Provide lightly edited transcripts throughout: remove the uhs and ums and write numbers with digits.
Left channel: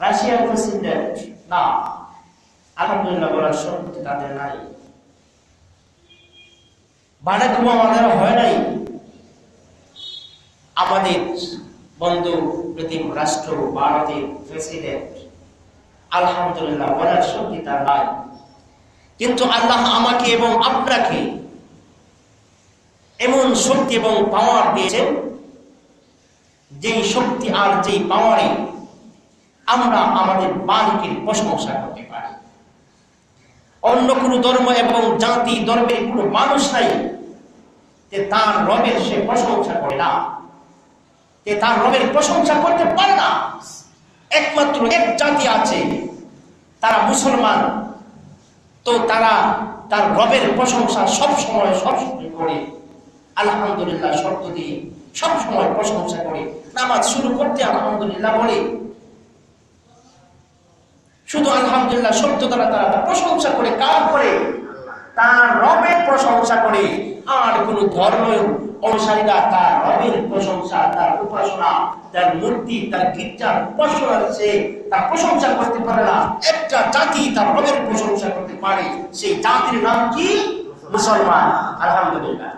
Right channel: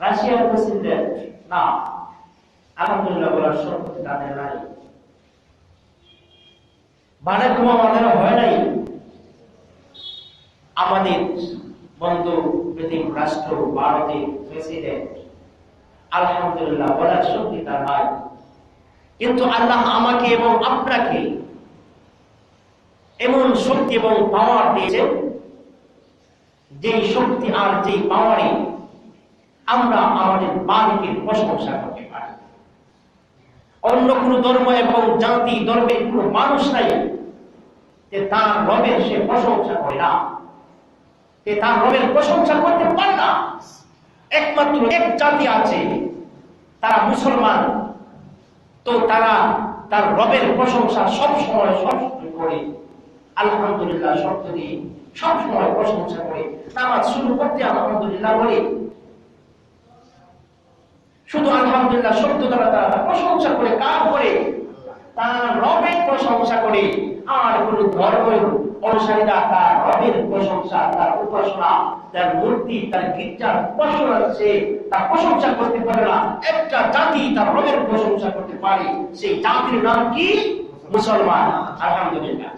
রাশিয়ার প্রেসিডেন্ট না, আলহামদুলিল্লাহ বলার শক্তি তাদের নাই। বারাক ওবামাদের হয় নাই। আমাদের বন্ধু প্রতিম রাষ্ট্র ভারতের প্রেসিডেন্ট আলহামদুলিল্লাহ বলার শক্তি তার নাই। কিন্তু আল্লাহ আমাকে এবং আপনাকে এমন শক্তি এবং পাওয়ার দিয়েছেন, যেই শক্তি আর যেই পাওয়ারে আমরা আমাদের মালিকের প্রশংসা করতে পারি। অন্য কোন ধর্ম এবং জাতি ধর্মের কোন মানুষ নাই যে তার রবের সে প্রশংসা করে না, যে তার রবের প্রশংসা করতে পারে না। একমাত্র এক জাতি আছে, তারা মুসলমান। তো তারা তার রবের প্রশংসা সবসময় করে, আলহামদুলিল্লাহ শব্দ দিয়ে সবসময় প্রশংসা করে। নামাজ শুরু করতে আলহামদুলিল্লাহ বলে, শুধু আলহামদুলিল্লাহ শব্দ দ্বারা তারা প্রশংসা করে। কার করে? তার রবের প্রশংসা করে। আর কোন ধর্ম অনুসারীরা তার রবের প্রশংসা, তার উপাসনা, তার মূর্তি, তার গির্জার উপাসনা সে তার প্রশংসা করতে পারে না। একটা জাতি তার রবের প্রশংসা করতে পারে, সেই জাতির নাম কি? মুসলমান। আলহামদুলিল্লাহ।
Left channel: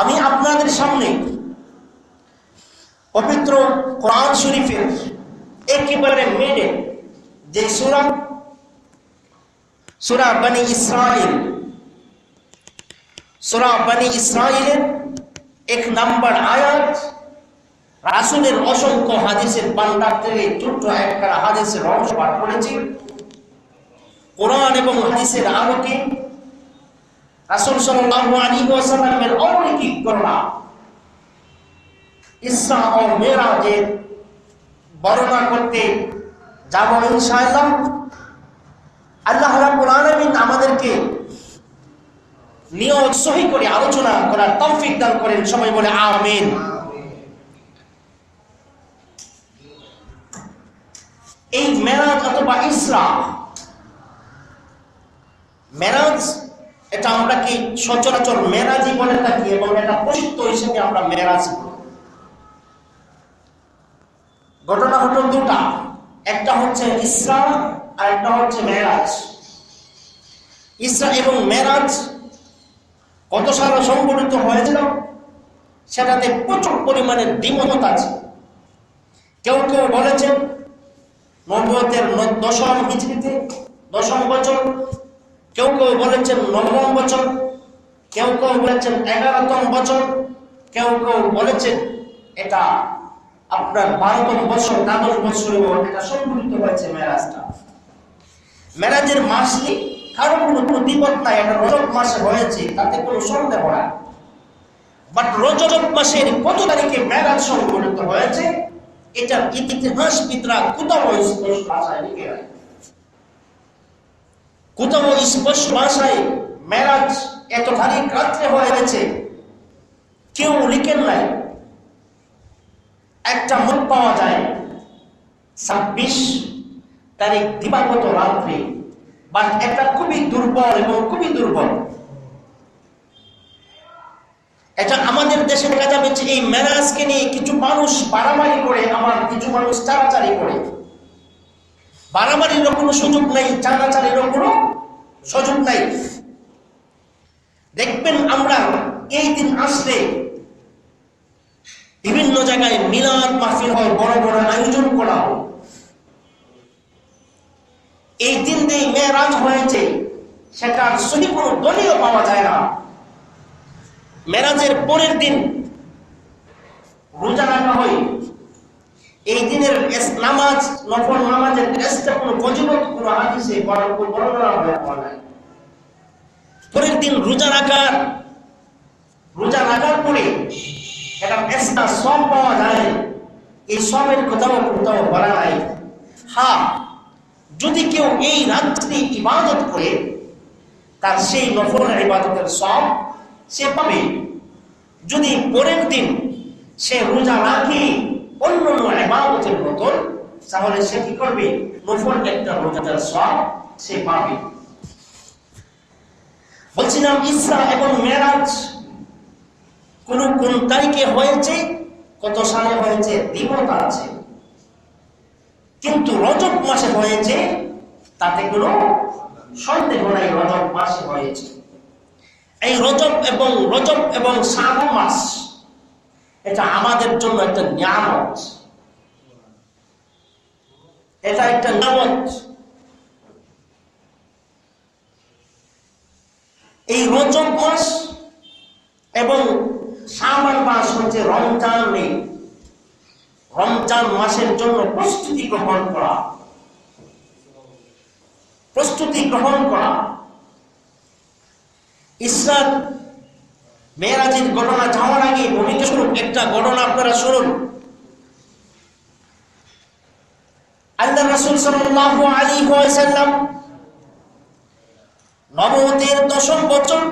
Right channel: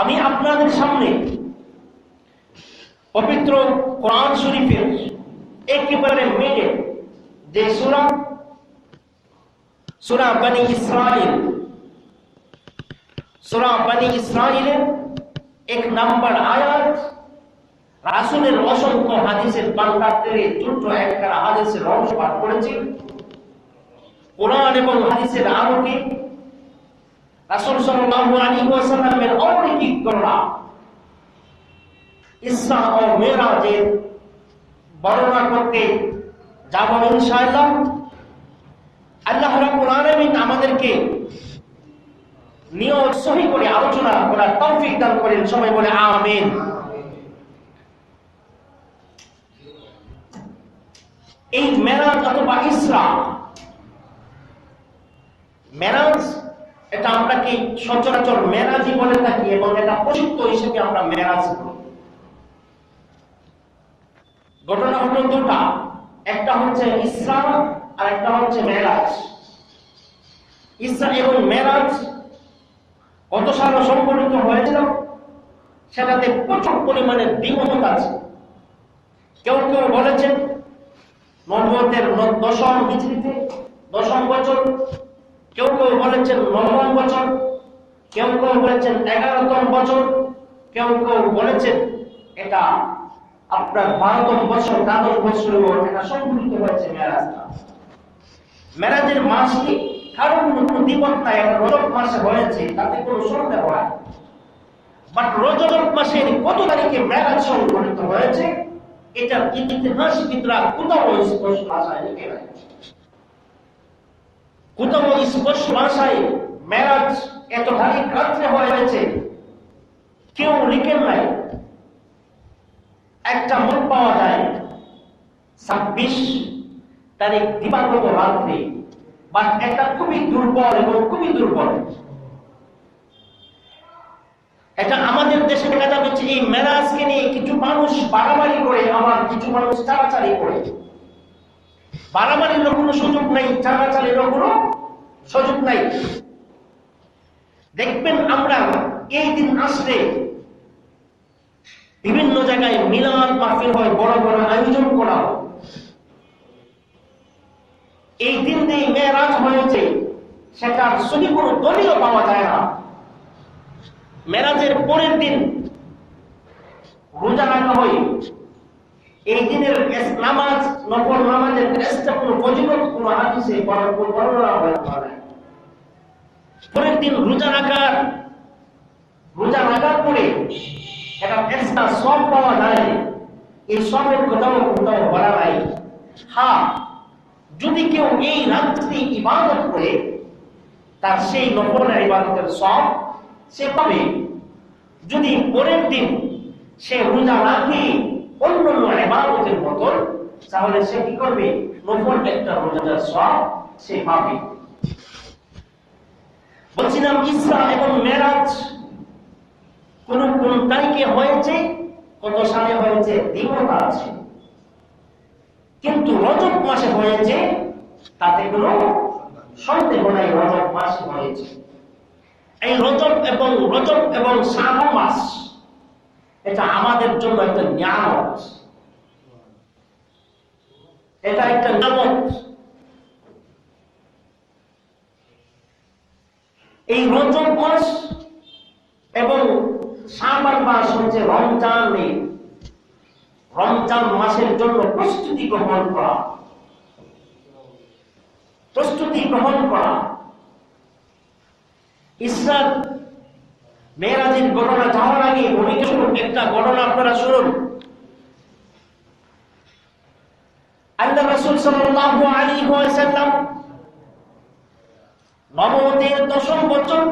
আমি আপনাদের সামনে পবিত্র কোরআন শরীফের একেবারে মেডে যে সূরা বনী ইসরাইল, সূরা বনী ইসরাইলের 1 নম্বর আয়াত, রাসূলের অসংখ্য হাদিসের ভান্ডার থেকে ছোট্ট একটা হাদিসের অংশ পাঠ করেছি। কোরআন এবং হাদিসের আলোকে রাসূল সাল্লাল্লাহু আলাইহি ওয়াসাল্লামের অলৌকিক ঘটনা ইসরা ও মিরাজের বর্ণনা করতে যাব ইনশাআল্লাহ। আল্লাহ রাব্বুল আলামিন আমাদেরকে নিয়ত সহি করে আলোচনা করার তৌফিক দান করেন। সবাই বলে আমিন। এই মেরাজ অথবা ইসরা, মেরাজ এটা আমরা কি সচরাচর মেরাজই বলে থাকি এবং এটা প্রসিদ্ধ হিসেবে আমরা মেরাজ বলি। ঘটনা ঘটল দুটা, একটা হচ্ছে ইসরা আর একটা হচ্ছে মেরাজ। ইসরা এবং মেরাজ কত সালে সংঘটিত হয়েছিল সেটাতে প্রচুর পরিমাণে দ্বিমত আছে। কেউ কেউ বলেছেন নবুয়তের 10ম হিজরিতে 10ম বছর, কেউ কেউ বলেছেন 9ম বছর, কেউ কেউ বলেছেন 11তম বছর, কেউ কেউ বলেছেন এটা আপনার 12তম বছর, 12 বছর এটা সংঘটিত হয়েছে মেরাজটা। মেরাজের মাস কি কারো কোনো দ্বিমত নাই, এটা রজব মাসে হয়েছে, তাতে কোনো সন্দেহ নাই। বাট রজব মাসের কত তারিখে মেরাজ সংঘটিত হয়েছে এটা ইতিহাসবিদরা কোথাও স্পষ্ট ভাষায় লিখে নাই। কোথাও স্পষ্ট ভাষায় মেরাজ এত তারিখ রাত্রে হয়েছে কেউ লিখেন নাই। একটা মত পাওয়া যায় 26 তারিখ দিবাগত রাত্রে, বাট এটা খুবই দুর্বল এবং খুবই দুর্বল। এটা আমাদের দেশে দেখা যাবে যে এই মেরাজকে নিয়ে কিছু মানুষ বাড়াবাড়ি করে, আবার কিছু মানুষ চাড়াচাড়ি করে। বাড়াবাড়ির কোনো সুযোগ নেই, চাড়াচাড়িরও কোনো সুযোগ নাই। দেখবেন আমরা এই দিন আসলে বিভিন্ন জায়গায় মিলাদ মাহফিল হয়, বড় বড় আয়োজন করা হয়। এই দিন দিয়ে মেরাজ হয়েছে সেটার সহি কোনো দলিল পাওয়া যায় না। মেরাজের পরের দিন রোজা রাখা হয়। এই দিনের নামাজ, নফল নামাজের এক্সট্রা কোনো ফজিলত কোনো হাদিসে বর্ণনা হয়। পরের দিন রোজা রাখার পরে একটা এক্সট্রা সওয়াব পাওয়া যায়। এই সওয়াবের কোথাও বলা নাই। হ্যাঁ, যদি কেউ এই রাত্রি ইবাদত করে তার সেই নফল ইবাদতের সওয়াব সে পাবে। যদি পরের দিন সে রোজা রাখে অন্য ইবাদতের মতন, তাহলে সে কি করবে? নফল একটা রোজার সওয়াব সে পাবে। বলছিলাম ইসরা এবং মেরাজ কোন তারিখে হয়েছে, কত সালে হয়েছে দ্বিমত আছে। কিন্তু মাসে হয়েছে তাতে কোনো সন্দেহ নাই, রজব মাসে হয়েছে। এই রজব এবং শাবান মাস এটা আমাদের জন্য একটা নিয়ামত, এটা একটা নিয়ামত। এই রজব মাস এবং শাবান মাস হচ্ছে রমজান মাসের জন্য প্রস্তুতি গ্রহণ করা। ইসরা মেরাজের ঘটনা যাওয়ার আগে বর্ণিত স্বরূপ একটা ঘটনা আপনারা শুনুন। আল্লাহ রাসূল সাল্লাল্লাহু আলাইহি ওয়াসাল্লাম নবুয়তের 10ম বছর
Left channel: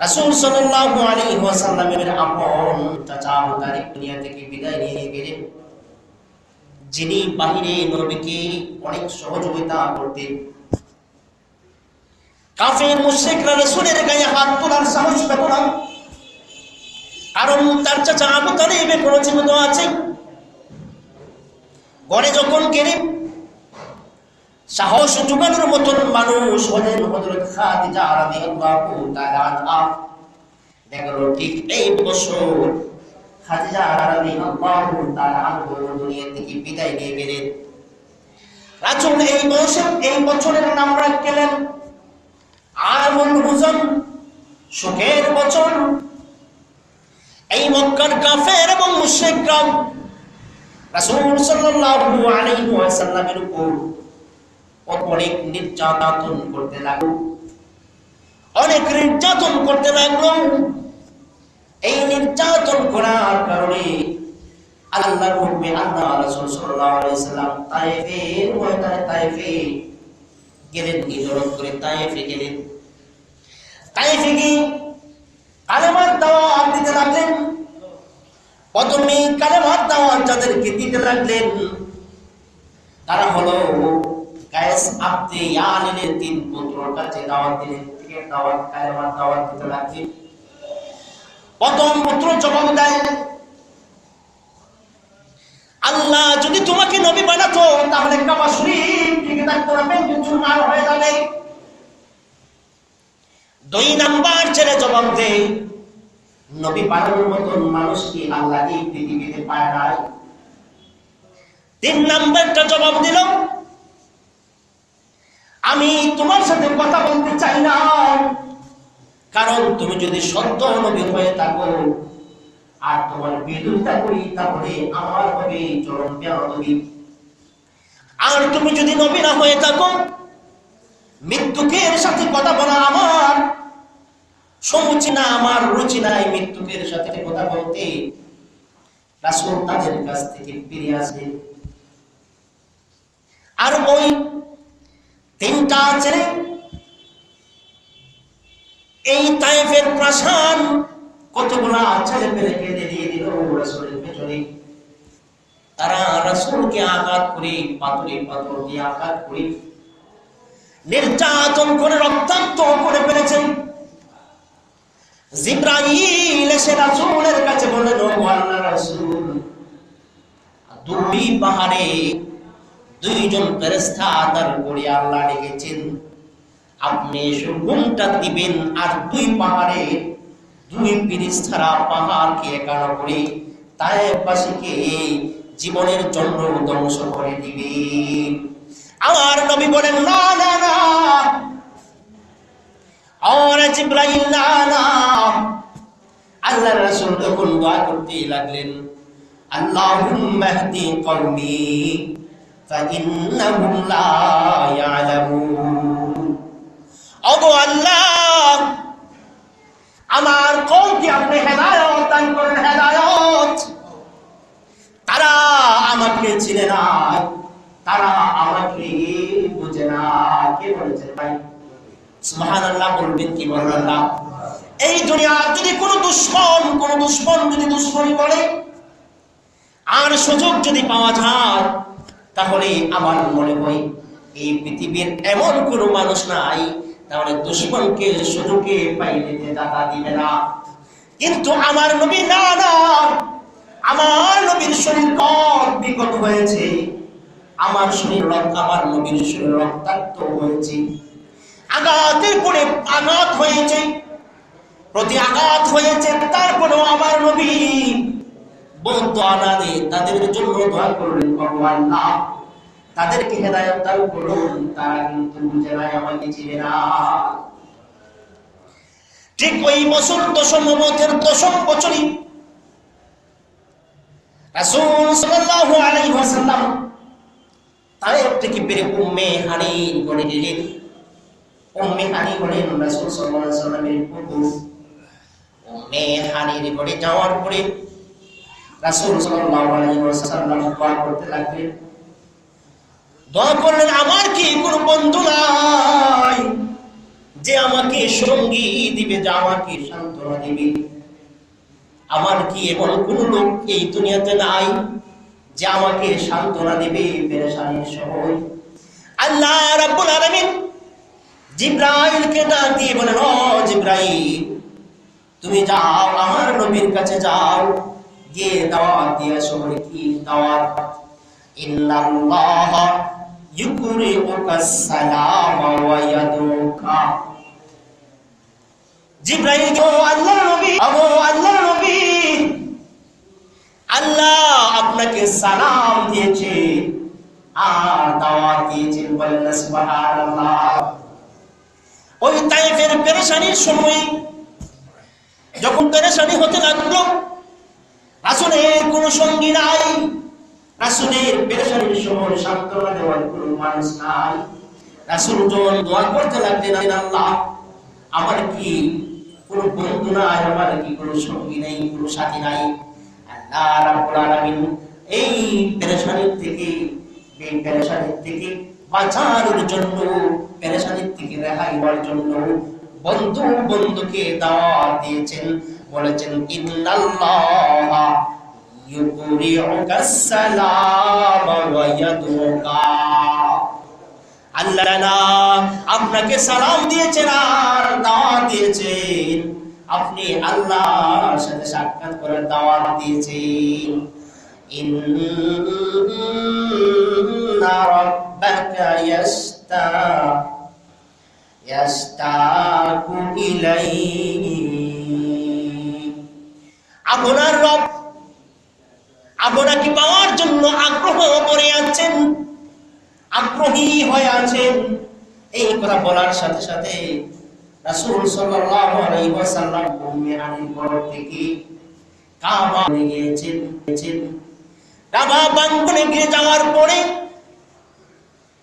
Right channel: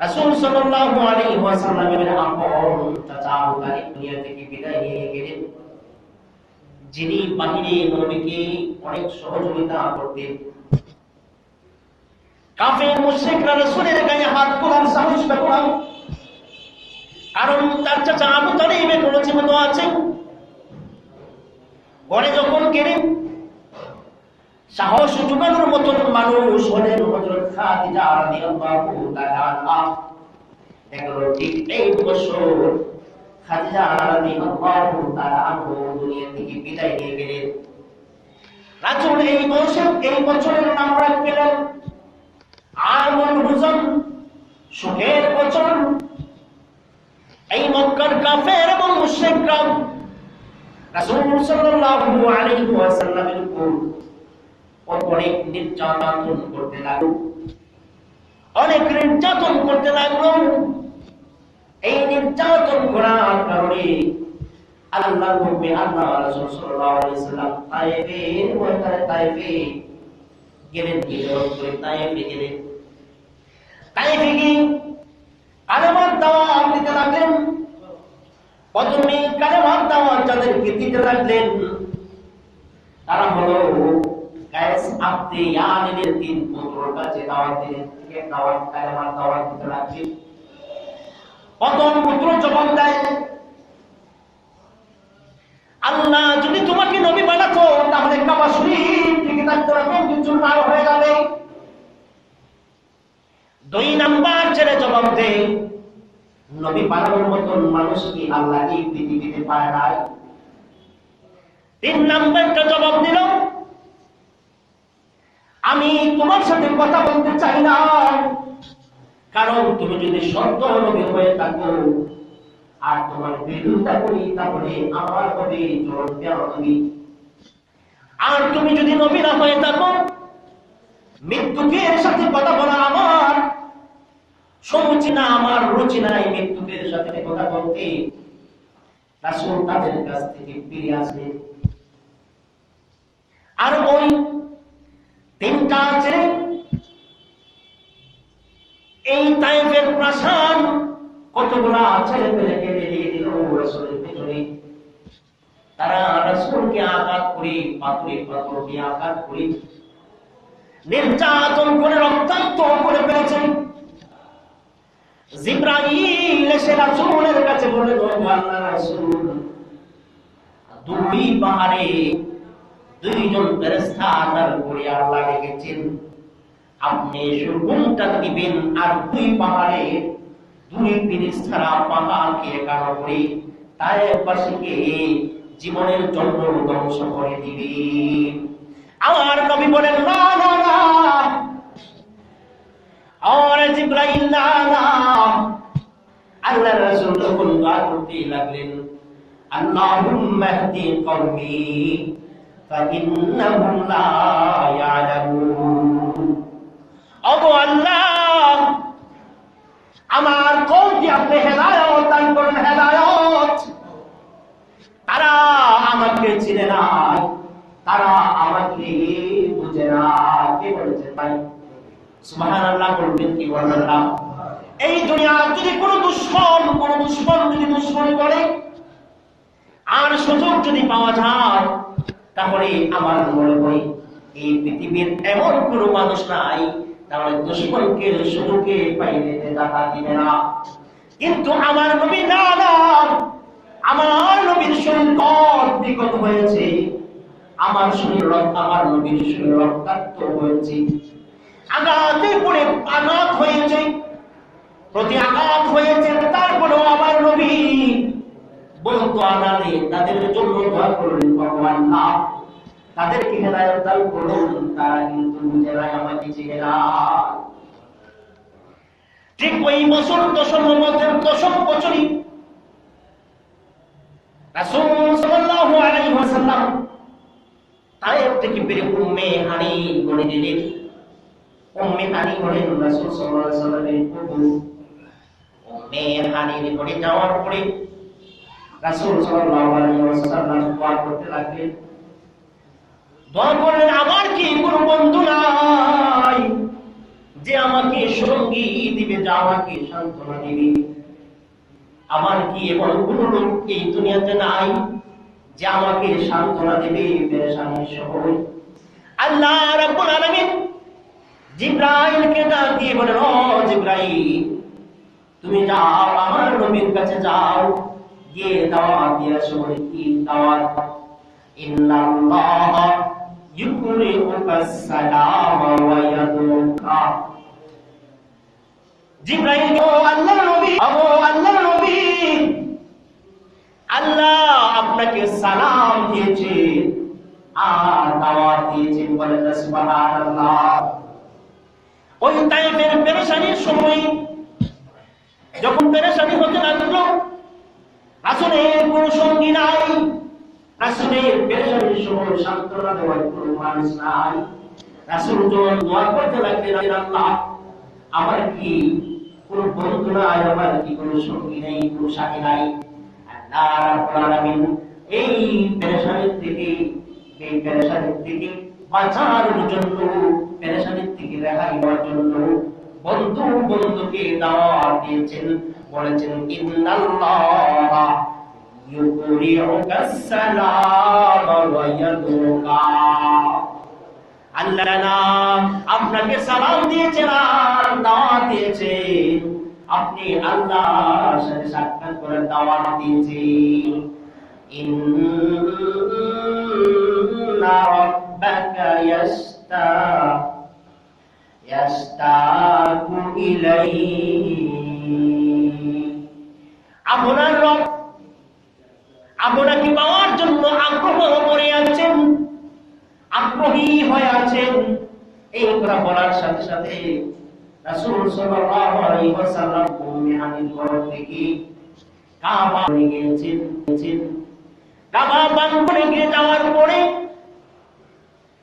রাসূল সাল্লাল্লাহু আলাইহি ওয়াসাল্লামের আপন চাচা আবু তালিব দুনিয়া থেকে বিদায় নিয়ে গেলেন, যিনি বাহিরে নবীকে অনেক সহযোগিতা করতেন। কাফের মুশরিকরা রাসূলের গায়ে হাত তোলার সাহস পেত না, কারণ তার চাচা আবু তালিব কোনো জীবিত আছে। ঘরে যখন গেলেন, সাহস জোগানোর মতন মানুষ হলেন হযরত খাদিজা রাদিয়াল্লাহু তাআলা আনহা। দেখলো ঠিক এই বছর খাদিজা রাদিয়াল্লাহু তাআলা আনহা দুনিয়া থেকে বিদায় নিয়ে গেলেন। রাসূল এই বছরের নাম রাখলেন আমুল হুজন, শোকের বছর। এই মক্কার কাফের এবং মুশরিকরা রাসূল সাল্লাল্লাহু আলাইহি ওয়াসাল্লামের উপর অনেক নির্যাতন করতে লাগলো। এই নির্যাতন করার কারণে আল্লাহর হুকুমে আল্লাহ রাসূল সাল্লাল্লাহু আলাইহি ওয়াসাল্লাম তায়েফে গেলেন, হিজরত করে তায়েফে গেলেন। তায়েফে গিয়ে কালেমার দাওয়াত দিতে লাগলেন। প্রথমে কালেমার দাওয়াত যাদেরকে দিতে লাগলেন তারা হলো কায়েস আবদে ইয়ালিনের 3 পুত্রর কাছে দাওয়াত দিলেন, কালেমার দাওয়াত দিতে লাগলেন। প্রথম পুত্র জবাব দেয়, আল্লাহ যদি তোমাকে নবী বানাতো তাহলে কাবা শরীফ থেকে থাকতো না, চুরমার হয়ে যাবে। 2 নাম্বার ছেলে জবাব দেয়, নবী বানানোর মতন মানুষ কি আল্লাহ এই পৃথিবীতে পায় নাই। 3 নাম্বারটা জবাব দিল, আমি তোমার সাথে কথা বলতে চাই না, কারণ তুমি যদি সত্য নবী হয়ে থাকো আর তোমার বিরোধিতা করি তাহলে আমার হবে চরম বেয়াদবি। আর তুমি যদি নবী না হয়ে থাকো, মৃত্যুকের সাথে কথা বলা আমার সমুচি না, আমার রুচি নাই মৃত্যুকের সাথে কথা বলতে। রাসূল তাদের কাছ থেকে ফিরে আসলেন। আর ওই 3টা ছেলে এই তায়েফের প্রাসাদ কতগুলা ছেলে পেলেকে দিয়ে দিল রাসূলের পেছনে। তারা রাসূলকে আঘাত করে পাথর দিয়ে আঘাত করে নির্যাতন করে রক্তাক্ত করে ফেলেছেন। জিবরাইল এসে রাসূলের কাছে বললেন, ও আল্লাহর রাসূল, 2 পাহাড়ে 2 জন ফেরেশতা তার করে আল্লাহ রেখেছেন, আপনি হুকুমটা দিবেন আর 2 পাহাড়ে 2 ফেরেশতারা পাহাড়কে একার করে তায়েফবাসীকে জীবনের জন্য ধ্বংস করে দিবেন। আমার নবী বলেন, না না না, আর জিবরাইল না না। আল্লাহর রাসূল তখন দোয়া করতে লাগলেন, আল্লাহুম্মা ইহদি কওমি ফাইন্নাহুম লা ইয়ালামুন। ওগো আল্লাহ, আমার কওমকে আপনি হেদায়েত দান করেন, হেদায়েত। তারা আমাকে চিনে না, তারা আমাকে বুঝে না। কে বলেছেন ভাই? সুবহানাল্লাহ বলবেন কি বলবেন না? এই দুনিয়ার যদি কোনো দুশমন যদি দুশমনি করে আর সুযোগ যদি পাওয়া যায়, তাহলে আমার মনে হয় এই পৃথিবীর এমন কোনো মানুষ নাই তাহলে দুশমনকে সুযোগে পাইলে দাতা দিবে না। কিন্তু আমার নবী না, আমার নবীর শরীর বিগত হয়েছে, আমার শরীর আমার নবীর শরীর রক্তাক্ত হয়েছে, আঘাতের পরে আঘাত হয়েছে, প্রতি আঘাত হয়েছে, তারপরেও আমার নবী বলতো আনাদে তাদের জন্য দোয়া করলেন, ভগবান না তাদেরকে হেদায়েত দান করুন, তারা কিন্তু বুঝে নাই, আমাকে চিনে না। ঠিক ওই বছর দশম নবুয়তের 10ম বছরই রাসূল সাল্লাল্লাহু আলাইহি ওয়াসাল্লাম তায়েফ থেকে বের উম্মে হানির গড়ে গেলেন। উম্মে হানি হলেন রাসূল সাল্লাল্লাহু আলাইহি ওয়াসাল্লামের ফুফু। উম্মে হানির গড়ে যাওয়ার পরে রাসূল সাল্লাল্লাহু আলাইহি ওয়াসাল্লাম দোয়া করতে লাগলেন। দোয়া করলেন, আমার কি কোনো বন্ধু নাই যে আমাকে সঙ্গী দিবে, যে আমাকে সান্ত্বনা দিবে? আমার কি এমন কোন লোক এই দুনিয়াতে নাই যে আমাকে সান্ত্বনা দিবে পেরেশানির সময়? আল্লাহ রাব্বুল আলামিন জিবরাইলকে ডাক দিয়ে বলেন, ও জিবরাইল, তুমি যাও আমার নবীর কাছে যাও, গিয়ে দাওয়াত দিয়ে আসো। বলে, কি দাওয়াত? ইন্নাল্লাহ ইউকরিউকাস সালাম ওয়া ইয়াদুকা। জিবরাইল, ও আল্লাহর নবী, ও আল্লাহর নবী, আল্লাহ আপনাকে সালাম দিয়েছে আর দাওয়াত দিয়েছেন। বলেন সুবহানাল্লাহ। ওই তায়েফের পেরেশানির সময় যখন পেরেশানি হতে লাগলো, রাসূলের কোনো সঙ্গী নাই, রাসূলের পেরেশানির সময় সান্ত্বনা দেওয়ার কোনো মানুষ নাই, রাসূল যখন দোয়া করতে লাগলেন, আল্লাহ আমার কি কোনো বন্ধু নাই, আমার কি কোনো সঙ্গী নাই, কোনো সাথী নাই? আল্লাহ রাব্বুল আলামিন এই পেরেশানির থেকে বাঁচার জন্য, পেরেশানির থেকে রেহাই হওয়ার জন্য বন্ধুকে দাওয়াত দিয়েছেন। বলেছেন, ইন্নাল্লাহ ইউকরিউকাস সালাম ওয়া ইয়াদুকা। আল্লাহ আপনাকে সালাম দিয়েছেন আর দাওয়াত দিয়েছেন, আপনি আল্লাহর সাথে সাক্ষাৎ করার দাওয়াত দিয়েছেন। ইন্না রাব্বাকা ইয়াশতাকু ইলাইহি। আপনার রব আপনাকে পাওয়ার জন্য আগ্রহ করে আছেন, আগ্রহী হয়ে আছেন। এই কথা বলার সাথে সাথে রাসূল সাল্লাল্লাহু আলাইহি ওয়াসাল্লাম উম্মে হানির ঘর থেকে কাবা গিয়েছেন। কাবা প্রাঙ্গণে গিয়ে যাওয়ার পরে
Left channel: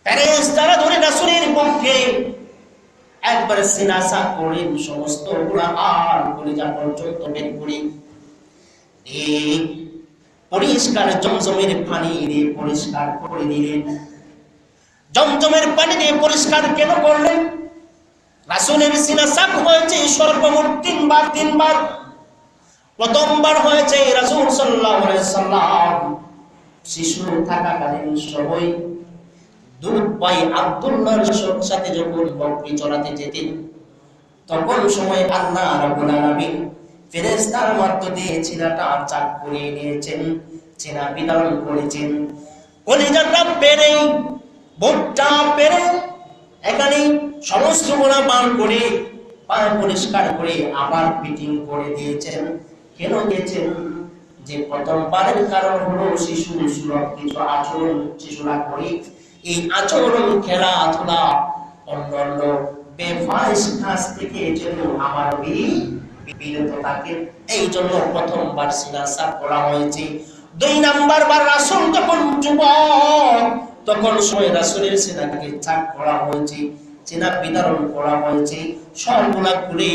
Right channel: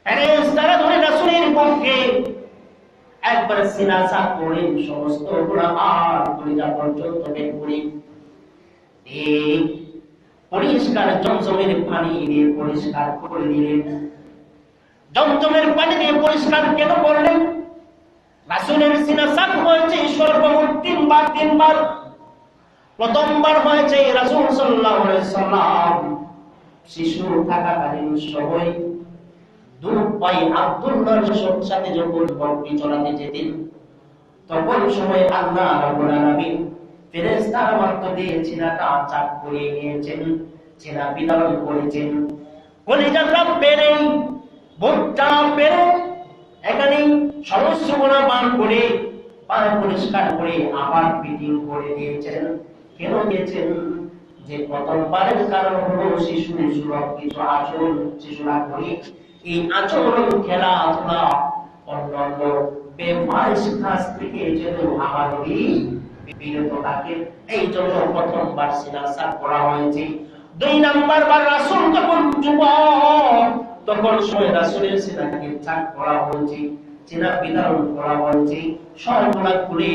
ফেরেশতারা ধরে রাসূলের পক্ষে একবার সিনাসা করেন, সমস্ত গোলাহার কলিজা পর্যন্ত বের করে এই পরিষ্কার জমজমের পানি দিয়ে পরিষ্কার করে দিলেন। জমজমের পানি দিয়ে পরিষ্কার কেন করলেন? রাসূলের সিনাসা হয়েছে সর্বমোট 3 বার। প্রথমবার হয়েছে রাসূল সাল্লাল্লাহু আলাইহি সাল্লাম শিশু থাকাকালীন সময় দুধ ভাই আব্দুল্লাহর সাথে যখন বকরি চড়াতে যেতেন, তখন সময় আল্লাহ রাব্বুল আলামিন ফেরেশতার মাধ্যমে ছেলেটা চাক করে নিয়েছেন, ছেলে বিতরণ করেছেন। কলিজাটা পেরে বুকটা পেরে এখানে সমস্ত গুলো বার করে পরিষ্কার করে আবার ফিটিং করে দিয়েছেন। কেন দিয়েছেন? যে প্রথমবারের কারণ হলো শিশুর কিছু আচরণ শিশুরা করে, এই আচরণ খেলাধুলা অন্যান্য বেফাহিশ কাজ থেকে যেন আমার বিরত থাকে, এই জন্য প্রথমবার সিনাসা করা হয়েছে। 2 নাম্বার বার রাসূল তখন যুবক, তখন সময় রাসূলের সিনাকে চাক করা হয়েছে, সিনা বিতরণ করা হয়েছে, সবগুলা খুলে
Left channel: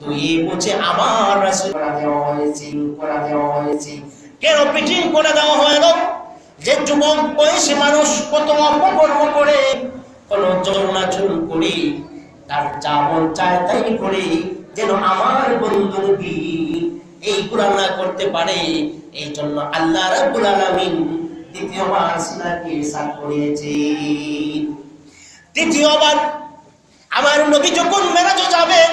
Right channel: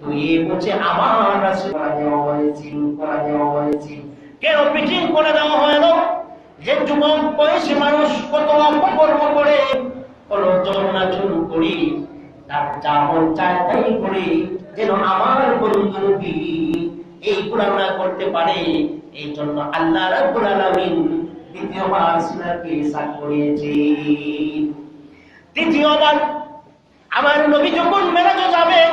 ধুয়ে মুছে আবার রাসূল করা দেওয়া হয়েছে। কেন ফিটিং করে দেওয়া হলো? যে যুবক বয়সী মানুষ কত অপকর্ম করে, কোন চলনাচল করে, তার যা মন চায় তাই করে, যেন আমার বন্ধু নবী এই গুনাহ না করতে পারে। এই জন্য আল্লাহ রাব্বুল আলামিন দ্বিতীয়বার সিনাকে সাক করিয়েছেন। তৃতীয়বার আমার নবী যখন মেরাজে যাবেন,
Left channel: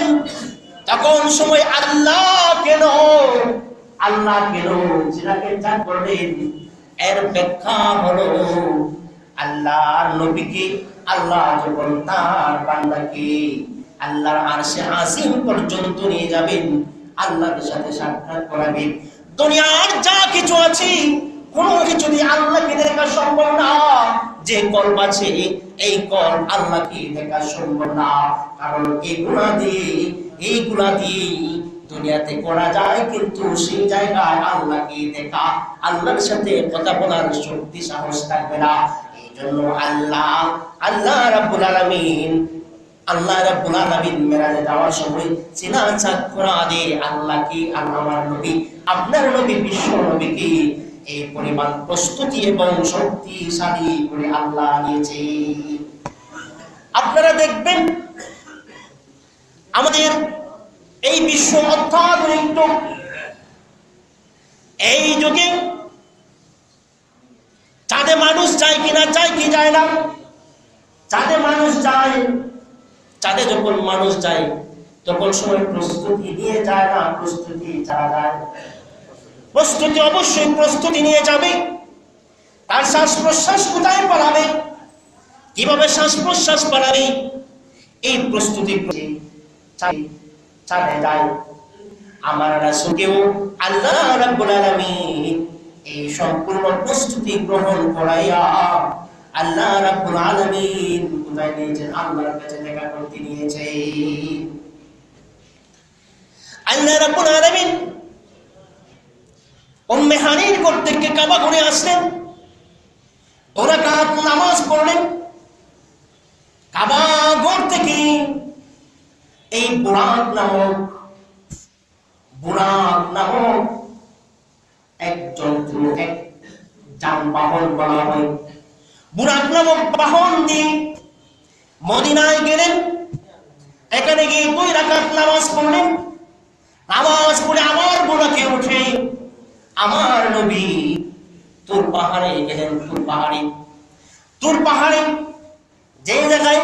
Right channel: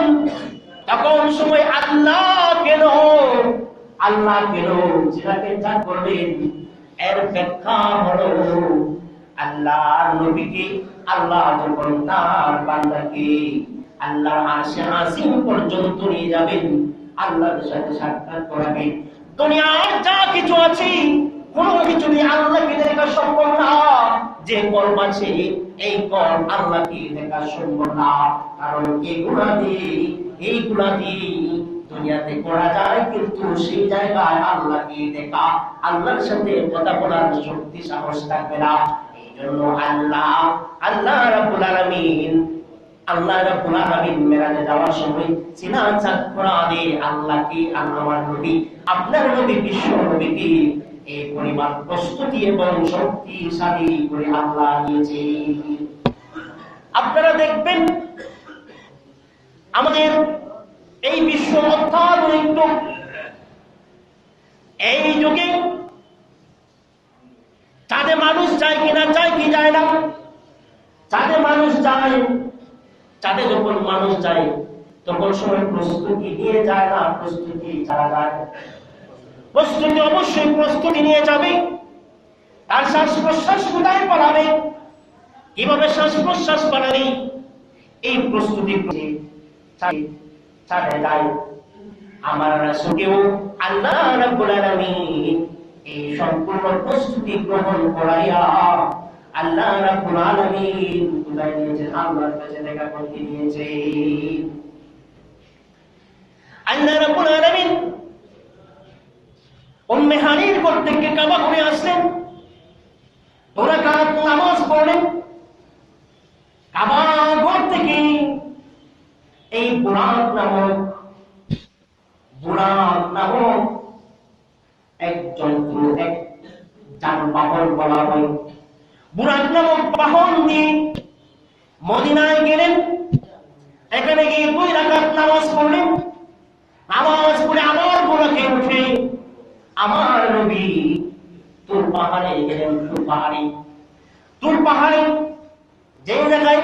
তখন সময় আল্লাহ কেন সিনাকে সাক করলেন? এর ব্যাখ্যা হলো আল্লাহর নবীকে আল্লাহ যখন তার বান্দাকে আল্লাহর আরশে আজিম পর্যন্ত নিয়ে যাবেন, আল্লাহর সাথে সাক্ষাৎ করাবেন, দুনিয়ার যা কিছু আছে কোনো কিছু দিয়ে আল্লাহকে দেখা সম্ভব না। যে কল্প আছে এই কল্প আল্লাহকে দেখা সম্ভব না, কারণ এইগুলা দিয়ে দুনিয়াতে করা যায়, কিন্তু সেই জায়গায় আল্লাহকে দেখা, আল্লাহর সাথে কথা বলার শক্তি সাহস থাকবে না। এই জন্য আল্লাহ রাব্বুল আলামিন মেরাজে যাওয়ার সময় সিনা চাকরা দিয়ে আল্লাহকে আমার নবী আপনার নবী বিশ্ব নবীকে এই পরিমাণ প্রস্তুতি এবং শক্তিশালী করে আল্লাহ নিয়েছে। আপনারা দেখবেন আমাদের এই বিশ্ব অত্যাধুনিক যুগ, এই যুগে চাঁদে মানুষ যায় কিনা, যায় কি যায় না? চাঁদে মানুষ যায়। চাঁদে যখন মানুষ যায় তখন সময় প্রস্তুতি নিয়ে যায় না, প্রস্তুতি ছাড়া যায়? প্রস্তুতি অবশ্যই প্রস্তুতি নিয়ে যাবে। তার শ্বাস প্রশ্বাস কোথায় পালাবে, কিভাবে শ্বাস প্রশ্বাস পালাবে, এই প্রস্তুতি চাঁদে যায়। আমার রাসূলকেও আল্লাহ রাব্বুল আলামিন এই সম্পূর্ণ প্রস্তুতি গ্রহণ করাইয়া আল্লাহ রাব্বুল আলামিন কোথায় নিয়েছেন? আল্লাহর কাছে দেখা করতে নিয়েছে। আল্লাহ রাব্বুল আলামিন উম্মে হানির ঘর থেকে কাবা ঘুরে আসলেন, 2 রাকাত নামাজ পড়লেন। কাবা ঘর থেকে এই বুরাক নামক এক যন্ত্র, এক যানবাহন বলা হয়, বুরাক নামক বাহন দিয়ে মদিনায় গেলেন। এখানে গিয়ে 2 রাকাত নামাজ পড়লেন। নামাজ পড়ে আবার বুরাকে উঠে আমার নবী তুর পাহাড়ে গেলেন। তুর পাহাড়ে যে জায়গায়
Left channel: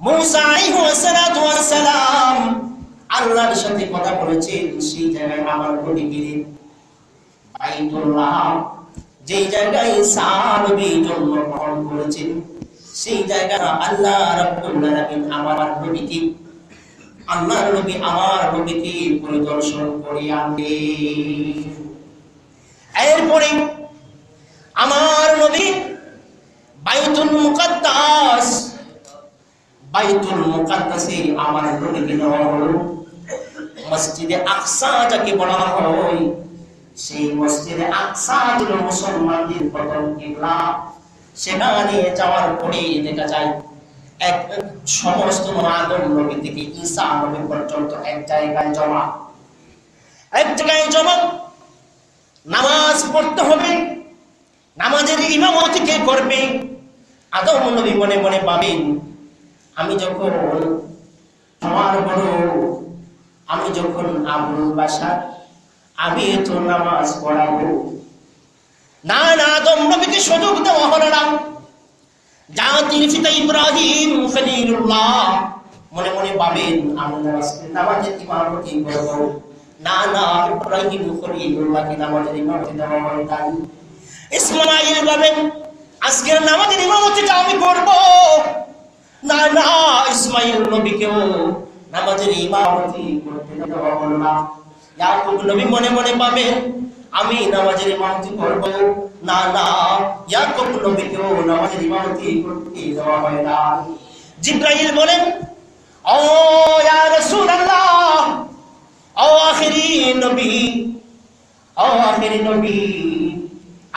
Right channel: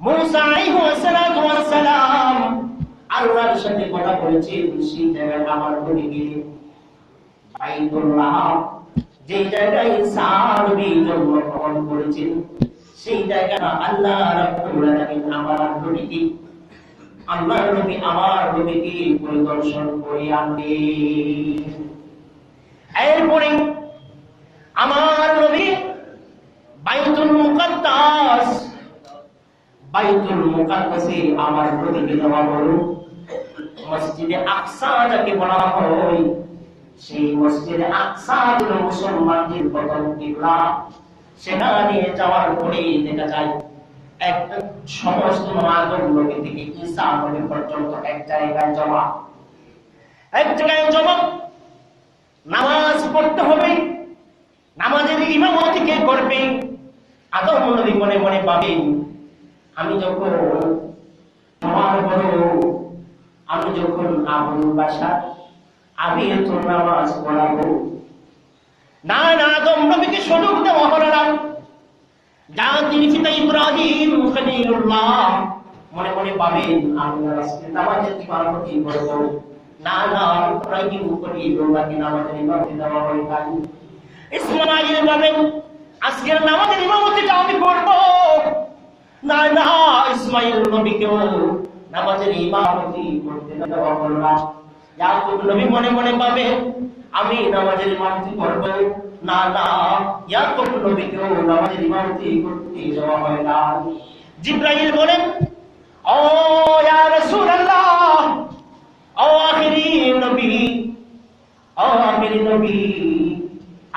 মুসা আলাইহিস সালাম আল্লাহর সাথে কথা বলেছেন, সেই জায়গায় আমার নবী গেলেন। বাইতুল্লাহ যে জায়গায় সাহাবী জন্মগ্রহণ করেছেন, সেই জায়গাটা আল্লাহ রাব্বুল আলামিন আমার নবীকে পরিদর্শন করে আনলেন। এরপরে আমার নবী বাইতুল মুকাদ্দাসে আমার নবীকে নেওয়া হলো। মসজিদে আকসা যাকে বলা হয়, সেই মসজিদে আকসা হলো মুসলমানদের প্রথম কিবলা। সেখানে যাওয়ার পরে দেখা যায় এক সমস্ত আদম নবী থেকে ঈসা নবী পর্যন্ত এক জায়গায় জমা। নামাজ পড়তে হবে, নামাজের ইমামতি কে করবে? আদম নবী মনে মনে ভাবেন, আমি যখন আবুল বাশার, আমি তো নামাজ পড়াবো না। আদম নবীকে সুযোগ দেওয়া হলো না। জাতির পিতা ইব্রাহিম খলিলুল্লাহ মনে মনে ভাবেন, আমি নামাজের ইমামতি করব না। ইব্রাহিম খলিলুল্লাহকে নামাজের ইমামতি দেওয়া হয় তাই। ইসমাঈল বলেন, আজকের নামাজের ইমামতিটা আমি করব না। ইসমাঈল নবীকেও নামাজের ইমামতি করতে দেওয়া হলো না। ইয়াকুব নবী মনে মনে ভাবেন, আমি নামাজের ইমামতি করব না। ইয়াকুব নবীকেও নামাজের ইমামতি করতে দেওয়া হয় না। জিবরাইল বলেন, ও ইয়া রাসূলুল্লাহ, ও আখিরি নবী,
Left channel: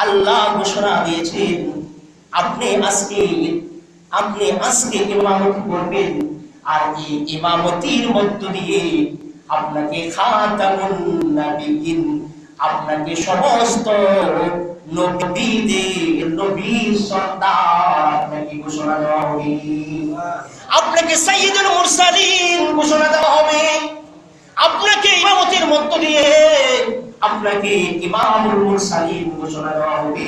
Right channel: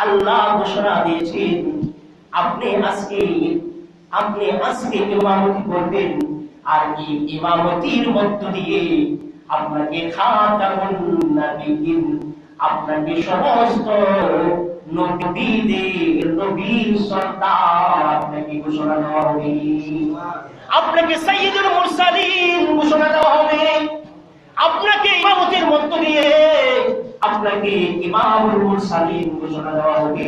আল্লাহ ঘোষণা দিয়েছেন আপনি আজকে ইমামতি করবেন, আর এই ইমামতির মধ্য দিয়ে আপনাকে খাতামুন নবিয়্যিন, আপনাকে সমস্ত নবীর সর্দার আপনাকে ঘোষণা দেওয়া হবে, আপনাকে সাইয়্যিদুল মুরসালিন ঘোষণা দেওয়া হবে, আপনাকে ইমামতির মধ্য দিয়ে আপনাকে ইমামুল মুরসালিন ঘোষণা দেওয়া হবে,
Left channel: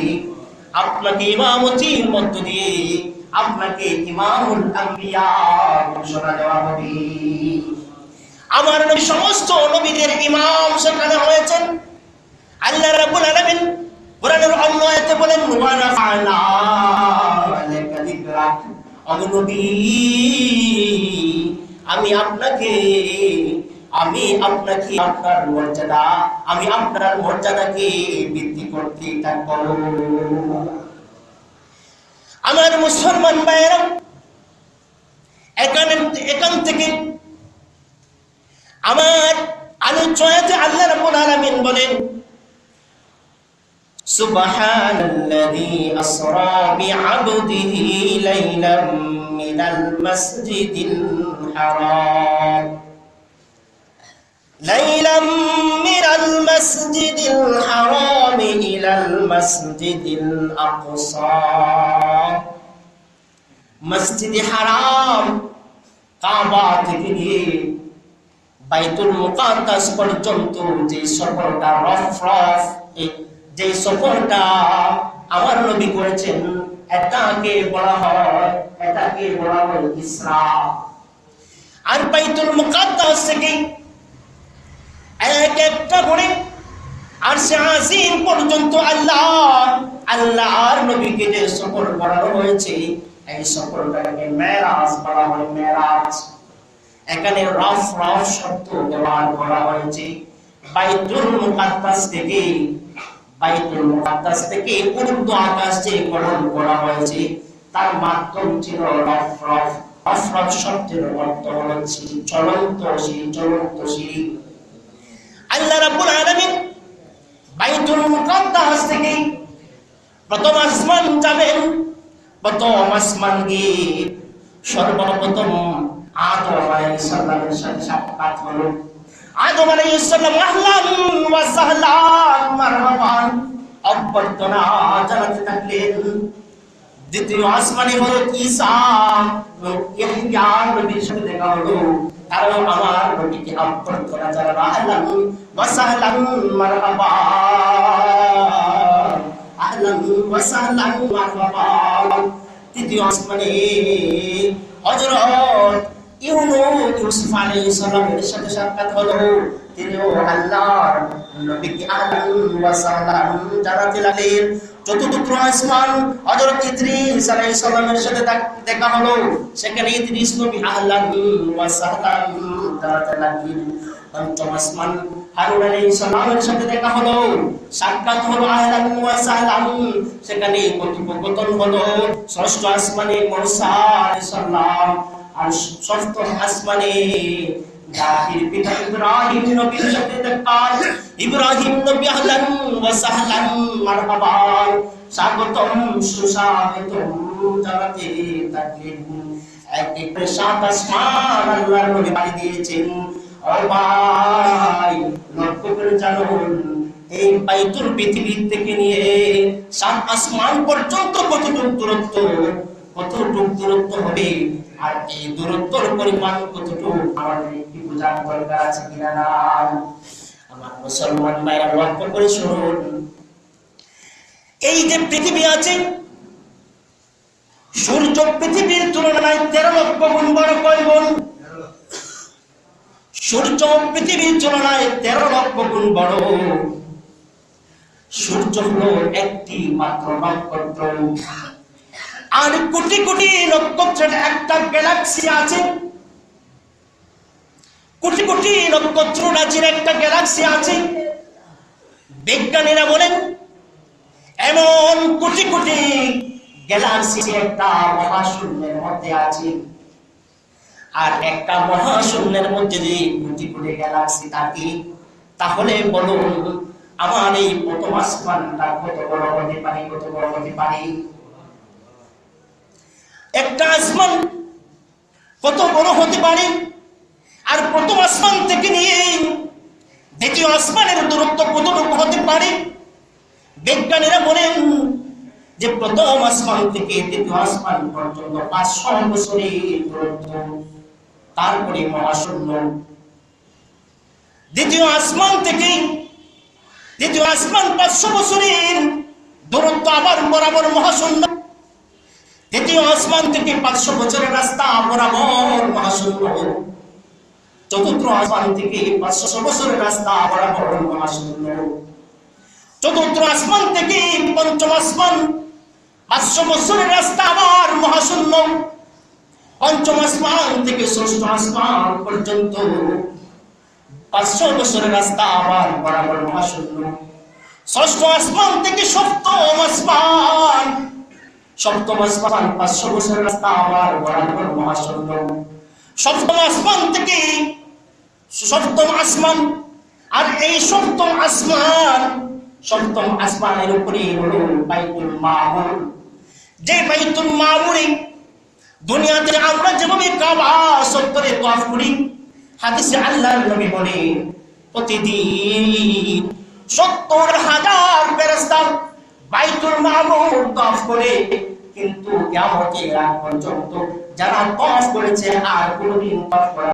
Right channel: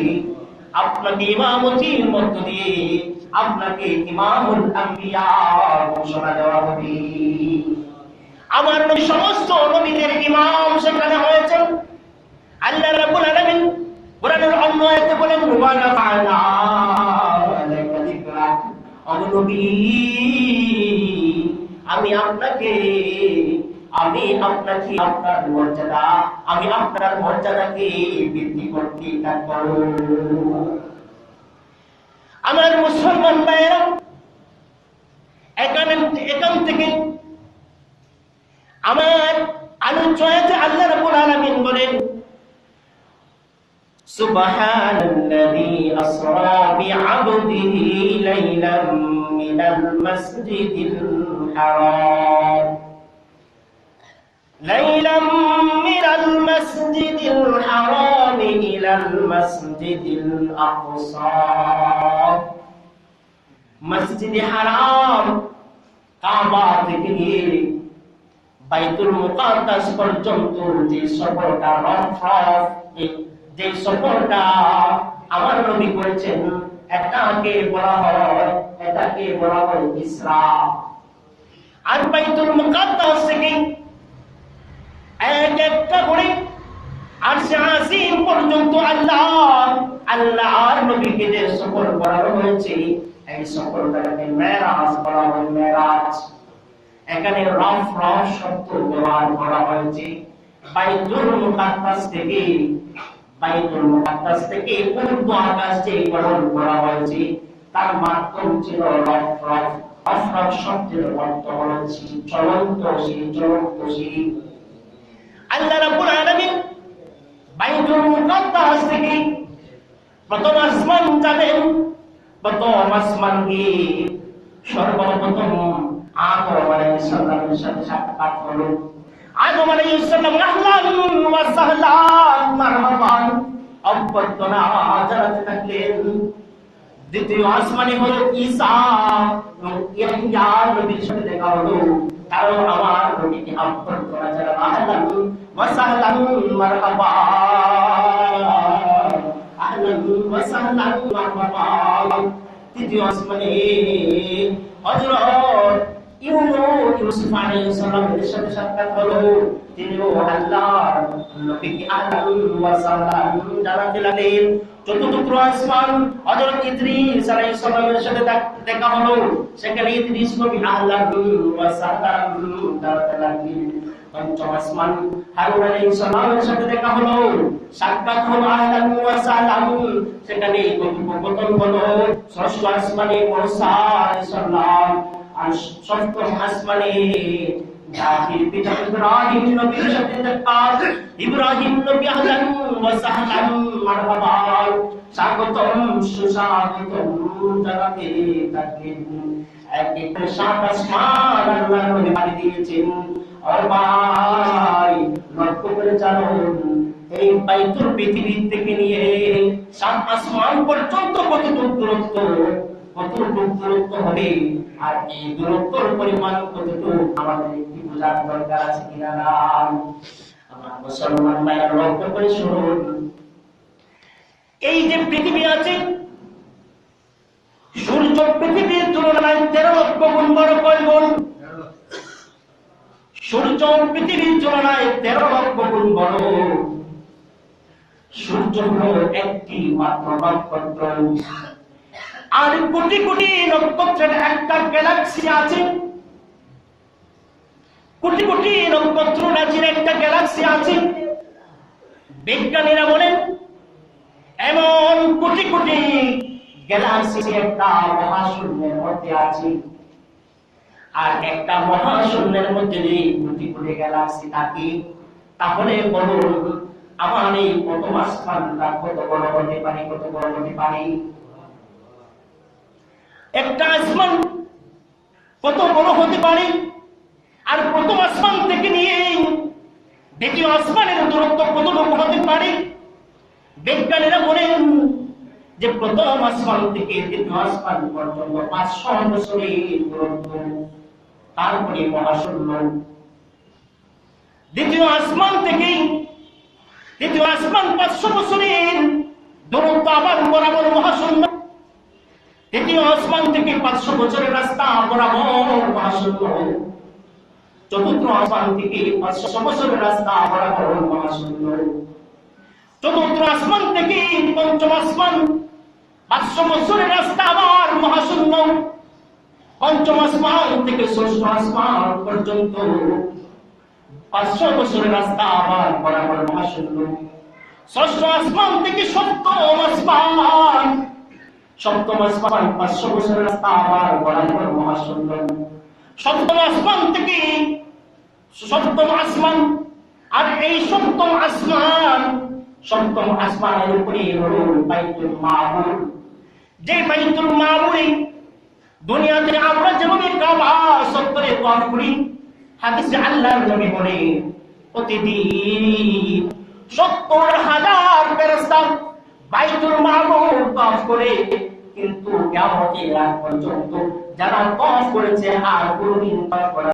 আপনাকে ইমামতির মধ্য দিয়ে আপনাকে ইমামুল আম্বিয়া ঘোষণা দেওয়া হবে। আমার নবী সমস্ত নবীদের ইমাম সেখানে হয়েছেন। আল্লাহ রাব্বুল আলামিন কোরআনের অন্য আয়াতে বলেন, ওয়া নাফা'না লাকা নবী, আমি আপনাকে আপনার মর্যাদাকে বৃদ্ধি করতে থাকবো। আমার মুসলমান ভাইয়েরা, এখান থেকে আমার আলোচনাতে আল্লাহ রাব্বুল আলামিন বলেন, সুবহানাল্লাযী আসরা বিআবদিহি লাইলাম মিনাল মাসজিদিল হারাম ইলাল মাসজিদিল আকসা। মসজিদে হারাম কাবা থেকে নিয়ে বাইতুল মুকাদ্দাস পর্যন্ত যে সফরটা যে সফরটা আমার নবী করেছেন, এটাকে বলা হয় ইসরা। আর বাইতুল মুকাদ্দাস থেকে একটা করে আরশে আজিম পর্যন্ত আল্লাহর নবীকে যে সফর করানো হয়েছে, এই সফরটাকে মেরাজ বলা হয়। মেরাজ, এখানে রফ শব্দ ব্যবহার করা হয়েছে। বাইতুল মুকাদ্দাস থেকে উর্দু আকাশ যে গঠন করা হয়েছে, তার মাধ্যম ছিল রফ শব্দের অর্থ হল চলন্ত সিঁড়ি। আল্লাহ রাব্বুল আলামিন বাইতুল মুকাদ্দাস থেকে প্রথম আসমান যাবেন। প্রথম আসমান গিয়ে সর্বপ্রথম আদম আলাইহিস সালামের সাথে সাক্ষাৎ হলো। আদম আলাইহিস সালাম আহলান ওয়া সাহলান মারহাবান অভ্যর্থনা জানাতে থাকলেন। দ্বিতীয় আসমানে হযরত ঈসা ইয়াহইয়া নবীর সাথে দেখা হলো। কারণ আমার নবীকে অভ্যর্থনা জানানো, আহলান ওয়া সাহলান মারহাবান, আহলান ওয়া সাহলান মারহাবান। তৃতীয় আসমানে হযরত ইউসুফ আলাইহিস সালামের সাথে সাক্ষাৎ হলো। তিনিও আল্লাহর নবীকে আহলান ওয়া সাহলান জানাতে লাগলেন। চতুর্থ আসমান হযরত ইদ্রিস আলাইহিস সালামের সাথে দেখা হলো। সেখানে ইদ্রিস নবী আহলান ওয়া সাহলান জানাতে লাগলেন। পঞ্চম আসমান হারুন আলাইহিস সালামের সাথে দেখা হলো, সাক্ষাৎ হলো, আহলান ওয়া সাহলান। সেখানে কথোপকথন হলো। ষষ্ঠ আসমানে মূসা আলাইহিস সালাম। আর সপ্তম আসমানে জাহির পিতা ইব্রাহিম নবীর সাথে দেখা। ইব্রাহিম নবী আহলান ওয়া সাহলান মারহাবান, স্বাগতম সুস্বাগতম জানাতে থাকলেন। এক সাত আসমান আল্লাহর নবী বাড়ি দিয়েছেন। ও ভাই, লক্ষ্য করে জানুন, এই বাইতুল পৃথিবী থেকে নিয়ে সাত আসমান পর্যন্ত কতটুকু দূরত্ব হবে, আর এই দূরত্বের পরিমাণ কতটুকু আমাদের একটু বোঝার দরকার আছে কিনা। আমার মুসলমান ভাইরা লক্ষ্য করে শুনুন, এই যে পৃথিবী আছে, সূর্য পৃথিবীর তুলনায় 13 লক্ষ গুণ বড়। কয় গুণ? সূর্য পৃথিবীর তুলনায় 13 লক্ষ গুণ বড়। সূর্য হলো একটি মাত্র নক্ষত্র, আর কোটি কোটি নক্ষত্রের একটা গ্যালাক্সি আছে। কোটি কোটি নক্ষত্র রাজির একটা গ্যালাক্সি আছে। বিজ্ঞানীরা বলেন এমন কোটি কোটি গ্যালাক্সি একটা মহাশূন্যের মধ্যে আছে। আর একটা মহাশূন্যের মধ্যে যদি কোটি কোটি গ্যালাক্সি থাকে, তাহলে বলুন আমার এই প্রথম আসমানটা কত বড় হতে পারে? একটা আসমান কত বড় হতে পারে? আর প্রথম আসমান থেকে নিয়ে দ্বিতীয় আসমানের দূরত্ব কতটুকু হতে পারে? বিজ্ঞানীরা বলেন যে প্রথম আসমান থেকে দ্বিতীয় আসমান পর্যন্ত 500 বছরের দূরত্ব। তারপরে মহাশূন্য। দ্বিতীয় আসমান থেকে দ্বিতীয় আসমান 500 বছরের দূরত্ব, আবার বরাবর মহাশূন্য। তৃতীয় আসমান থেকে 500 বছরের রাস্তা, বরাবর মহাশূন্য। চতুর্থ আসমান থেকে 500 বছরের রাস্তা, বরাবর মহাশূন্য। চতুর্থ আসমান থেকে পঞ্চম আসমান 500 বছরের রাস্তা, আবার মহাশূন্য। পঞ্চম আসমান থেকে ষষ্ঠ আসমান পর্যন্ত 500 বছরের রাস্তা আবার বরাবর মহাশূন্য। ষষ্ঠ আসমান থেকে সপ্তম আসমান 500 বছরের রাস্তা আবার বরাবর মহাশূন্য। সপ্তম আসমান থেকে সপ্তম আসমান, আর এই সপ্তম আসমানের উপরে হলো বাইতুল মামুর। যে বাইতুল মামুরে দুনিয়াতে আমরা যেভাবে কাবা চত্বরে তাওয়াফ করি, হাদিসে আল্লাহর নবী বলে প্রতিদিন 70,000 ফেরেশতা বাইতুল মামুর তাওয়াফ করে, কিন্তু কিয়ামতের আগ পর্যন্ত যারা তাওয়াফ করেছে আর কোনদিন তাওয়াফ করা